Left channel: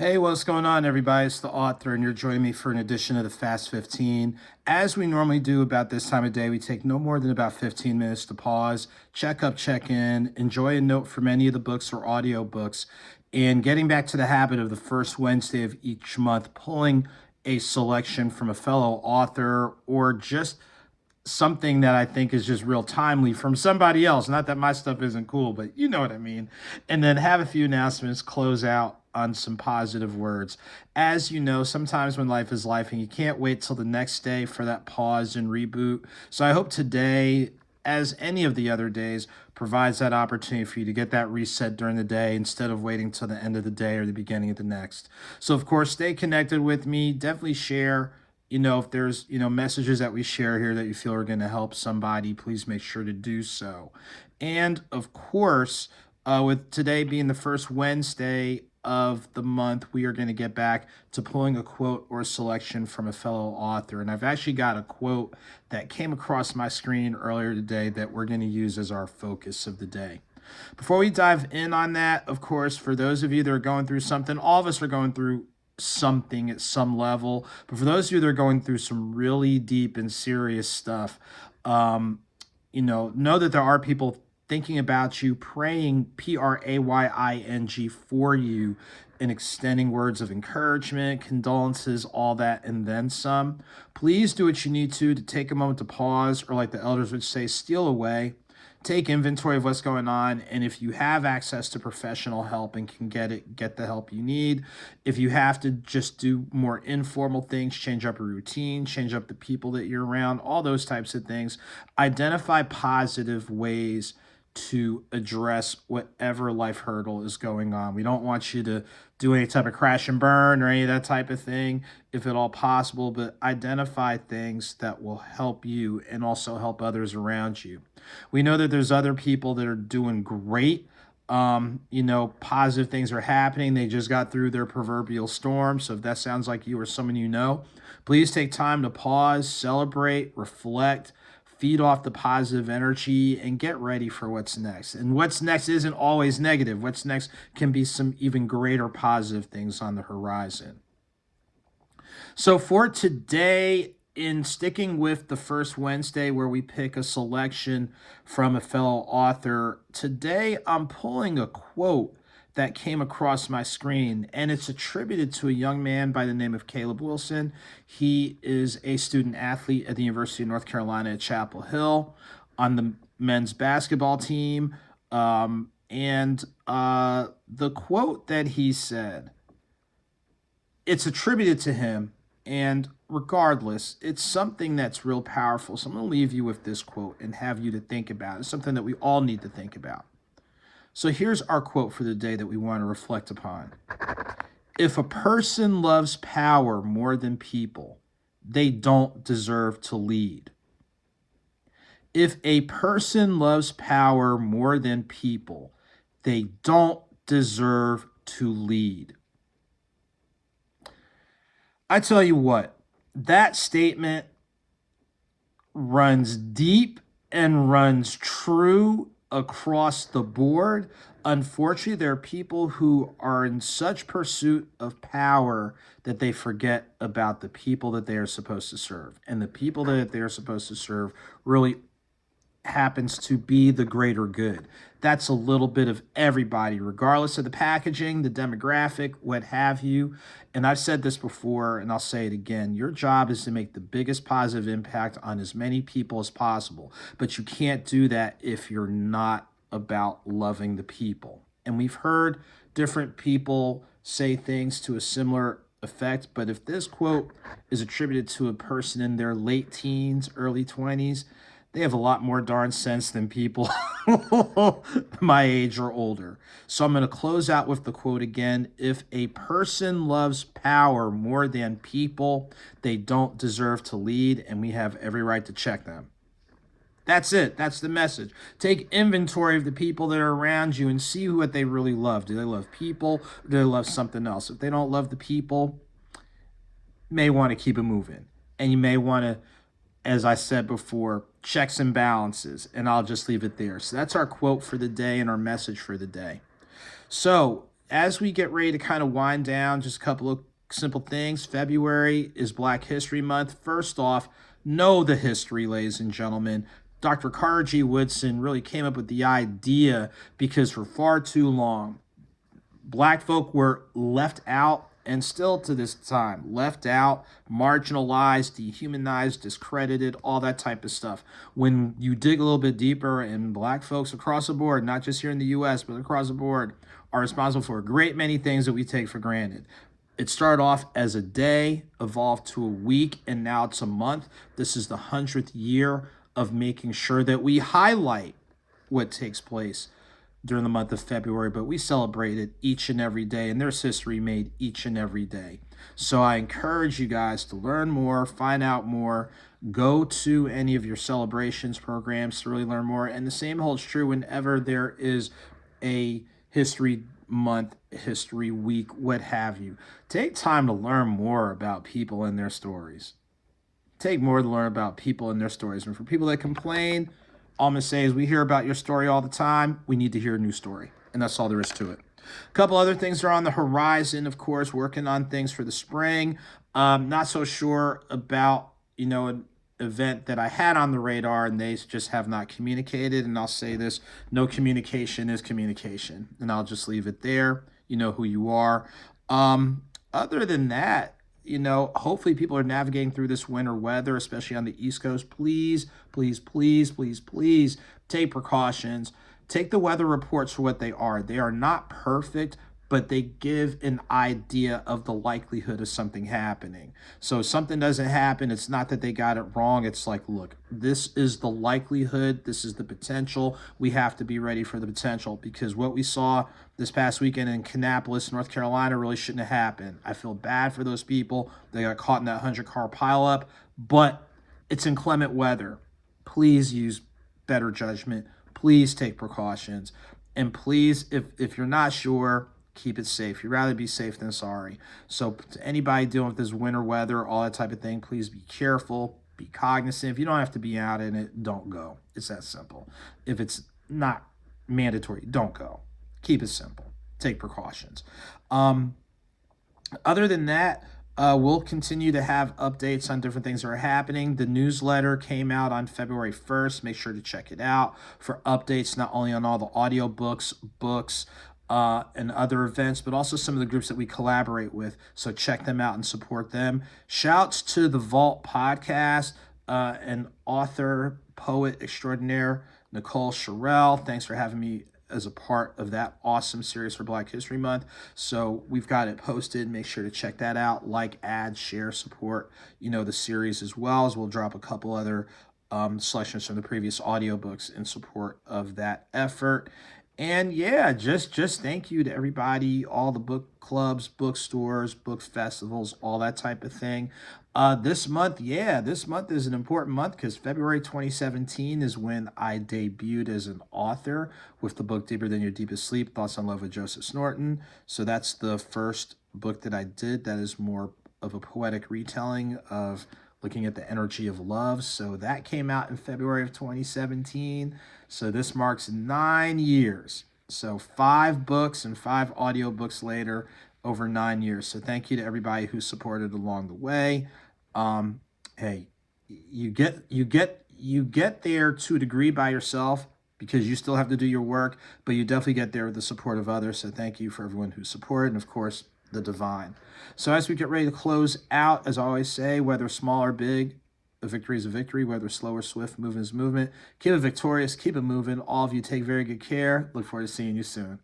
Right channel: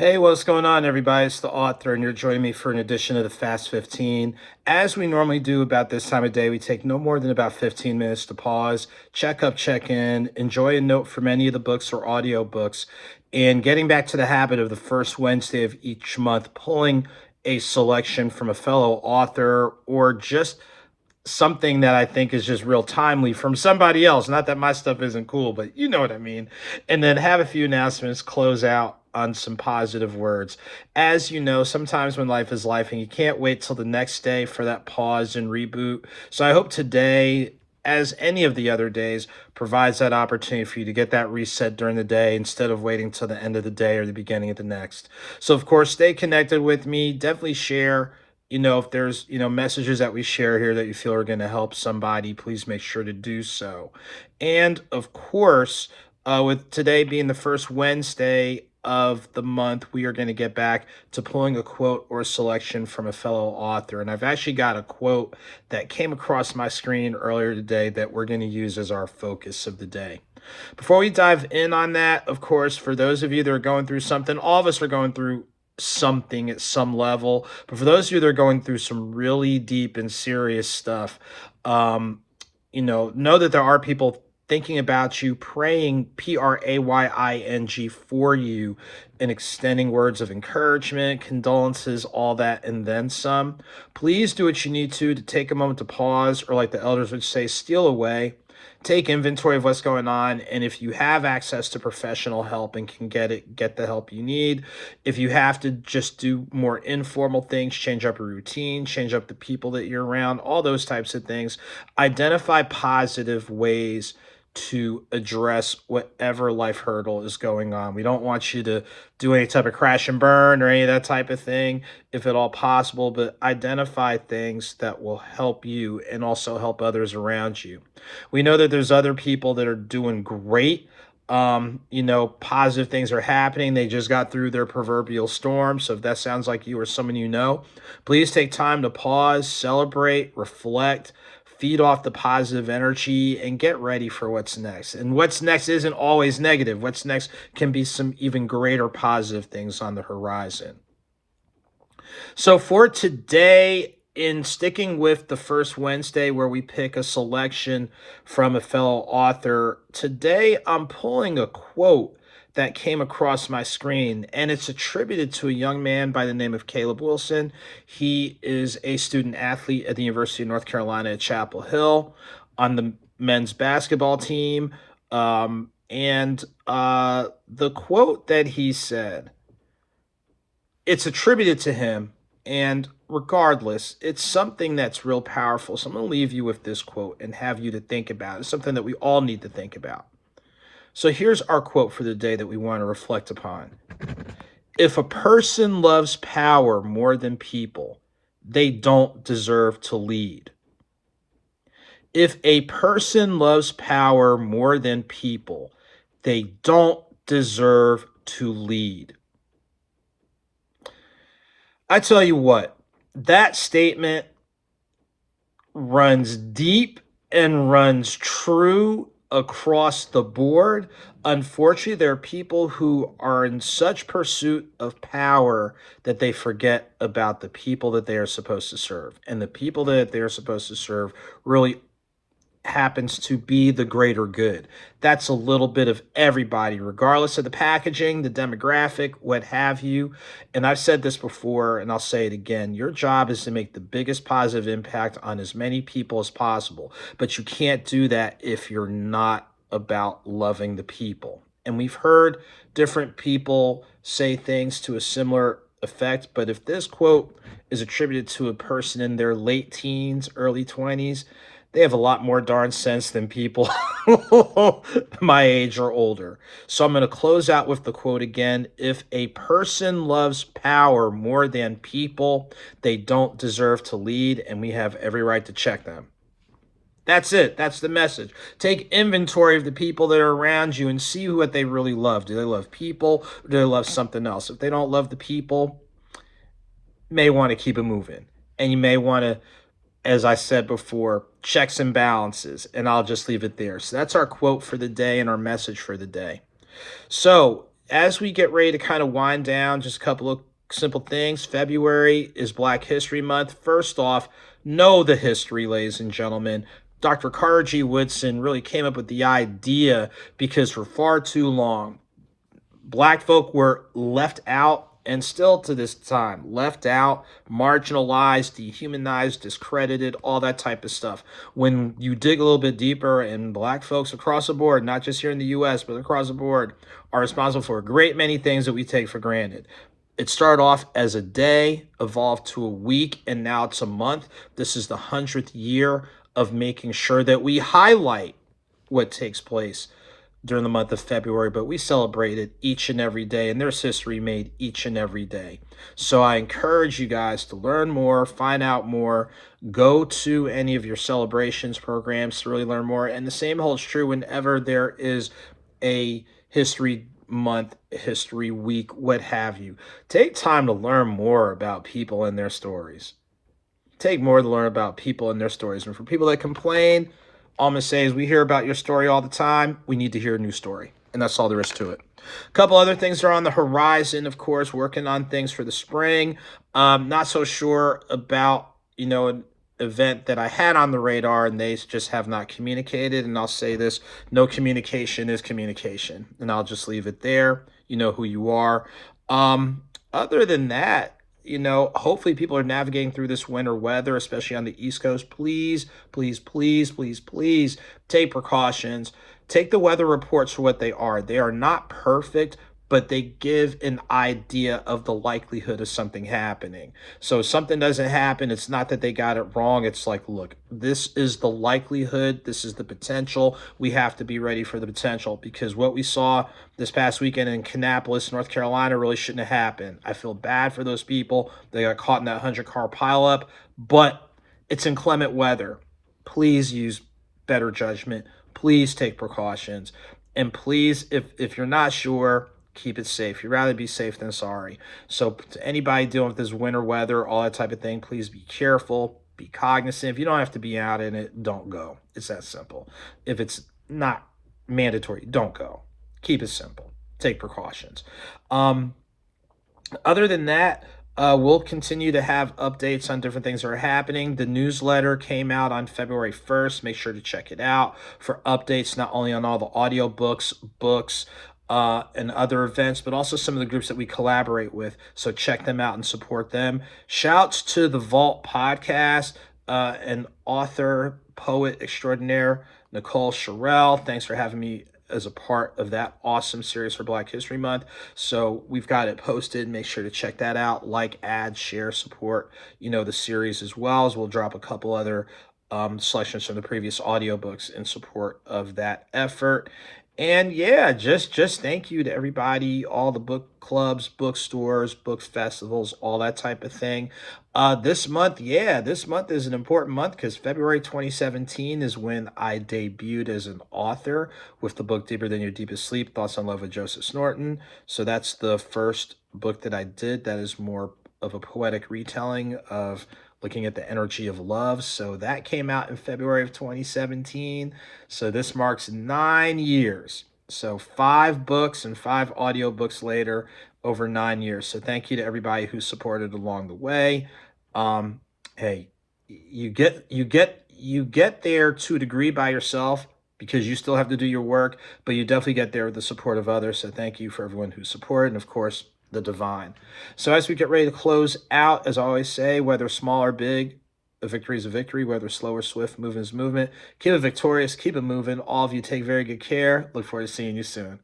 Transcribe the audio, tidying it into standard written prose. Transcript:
Hey, what's going on, everybody? It's the author, and you're joining me for an edition of the Fast 15. As we normally do about this time of day, we take no more than about 15 minutes to pause, check up, check in, enjoy a note from any of the books or audio books, and getting back to the habit of the first Wednesday of each month, pulling a selection from a fellow author or just something that I think is just real timely from somebody else. Not that my stuff isn't cool, but you know what I mean. And then have a few announcements, close out on some positive words. As you know, sometimes when life is life and you can't wait till the next day for that pause and reboot. So I hope today, as any of the other days, provides that opportunity for you to get that reset during the day instead of waiting till the end of the day or the beginning of the next. So, of course, stay connected with me. Definitely share, if there's, messages that we share here that you feel are going to help somebody, please make sure to do so. And of course, with today being the first Wednesday of the month, we are going to get back to pulling a quote or a selection from a fellow author. And I've actually got a quote that came across my screen earlier today that we're going to use as our focus of the day. Before we dive in on that, of course, for those of you that are going through something, all of us are going through something at some level. But for those of you that are going through some really deep and serious stuff, know that there are people thinking about you, praying, praying for you, and extending words of encouragement, condolences, all that, and then some. Please do what you need to take a moment to pause, or like the elders would say, steal away. Take inventory of what's going on, and if you have access to professional help and can get the help you need. If you have to just do more informal things, change up your routine, change up the people that you're around, all those types of things. Identify positive ways to address whatever life hurdle is going on. We don't want you to do any type of crash and burn or any of that type of thing, if at all possible, but identify things that will help you and also help others around you. We know that there's other people that are doing great. Positive things are happening. They just got through their proverbial storm. So if that sounds like you or someone you know, please take time to pause, celebrate, reflect, feed off the positive energy, and get ready for what's next. And what's next isn't always negative. What's next can be some even greater positive things on the horizon. So for today, in sticking with the first Wednesday where we pick a selection from a fellow author, today I'm pulling a quote that came across my screen, and it's attributed to a young man by the name of Caleb Wilson. He is a student athlete at the University of North Carolina at Chapel Hill on the men's basketball team. And the quote that he said, it's attributed to him, and regardless, it's something that's real powerful. So I'm going to leave you with this quote and have you to think about. It's something that we all need to think about. So here's our quote for the day that we want to reflect upon. If a person loves power more than people, they don't deserve to lead. If a person loves power more than people, they don't deserve to lead. I tell you what, that statement runs deep and runs true across the board. Unfortunately, there are people who are in such pursuit of power that they forget about the people that they are supposed to serve. And the people that they are supposed to serve really happens to be the greater good. That's a little bit of everybody, regardless of the packaging, the demographic, what have you. And I've said this before, and I'll say it again. Your job is to make the biggest positive impact on as many people as possible. But you can't do that if you're not about loving the people. And we've heard different people say things to a similar effect. But if this quote is attributed to a person in their late teens, early 20s, they have a lot more darn sense than people my age or older. So I'm going to close out with the quote again. If a person loves power more than people, they don't deserve to lead, and we have every right to check them. That's it. That's the message. Take inventory of the people that are around you and see what they really love. Do they love people, or do they love something else? If they don't love the people, you may want to keep it moving. And you may want to, as I said before, checks and balances, and I'll just leave it there. So that's our quote for the day and our message for the day. So as we get ready to kind of wind down, just a couple of simple things. February is Black History Month. First off, know the history, ladies and gentlemen. Dr. Carter G. Woodson really came up with the idea because for far too long, Black folk were left out, and still to this time, left out, marginalized, dehumanized, discredited, all that type of stuff. When you dig a little bit deeper, and Black folks across the board, not just here in the US, but across the board, are responsible for a great many things that we take for granted. It started off as a day, evolved to a week, and now it's a month. This is the 100th year of making sure that we highlight what takes place during the month of February, but we celebrate it each and every day, and there's history made each and every day. So I encourage you guys to learn more, find out more, go to any of your celebrations programs to really learn more. And the same holds true whenever there is a history month, history week, what have you. Take time to learn more about people and their stories. Take more to learn about people and their stories. And for people that complain, all I'm going to say is we hear about your story all the time. We need to hear a new story. And that's all there is to it. A couple other things are on the horizon, of course, working on things for the spring. Not so sure about, an event that I had on the radar, and they just have not communicated. And I'll say this, no communication is communication. And I'll just leave it there. You know who you are. Other than that, hopefully people are navigating through this winter weather, especially on the East Coast. Please, please, please, please, please take precautions. Take the weather reports for what they are. They are not perfect, but they give an idea of the likelihood of something happening. So if something doesn't happen, it's not that they got it wrong. It's like, look, this is the likelihood. This is the potential. We have to be ready for the potential, because what we saw this past weekend in Kannapolis, North Carolina, really shouldn't have happened. I feel bad for those people. They got caught in that 100-car pileup, but it's inclement weather. Please use better judgment. Please take precautions. And please, if you're not sure, keep it safe. You'd rather be safe than sorry. So to anybody dealing with this winter weather, all that type of thing, please be careful, be cognizant. If you don't have to be out in it, don't go. It's that simple. If it's not mandatory, don't go. Keep it simple. Take precautions. Other than that, we'll continue to have updates on different things that are happening. The newsletter came out on February 1st. Make sure to check it out for updates, not only on all the audiobooks, books, and other events, but also some of the groups that we collaborate with. So check them out and support them. Shouts to the Vault podcast and author, poet extraordinaire, Nicole Sherrill. Thanks for having me as a part of that awesome series for Black History Month. So we've got it posted. Make sure to check that out. Like, add, share, support, the series, as well as we'll drop a couple other selections from the previous audiobooks in support of that effort. And yeah, just thank you to everybody, all the book clubs, bookstores, book festivals, all that type of thing. This month is an important month because February 2017 is when I debuted as an author with the book Deeper Than Your Deepest Sleep, Thoughts on Love with AuthorASnorton. So that's the first book that I did that is more of a poetic retelling of looking at the energy of love. So that came out in February of 2017. So this marks 9 years. So 5 books and 5 audiobooks later, over 9 years. So thank you to everybody who supported along the way. Hey, you get there to a degree by yourself because you still have to do your work, but you definitely get there with the support of others. So thank you for everyone who supported, and of course, the divine. So as we get ready to close out, as I always say, whether small or big, a victory is a victory. Whether slow or swift, movement is movement. Keep it victorious. Keep it moving. All of you take very good care. Look forward to seeing you soon.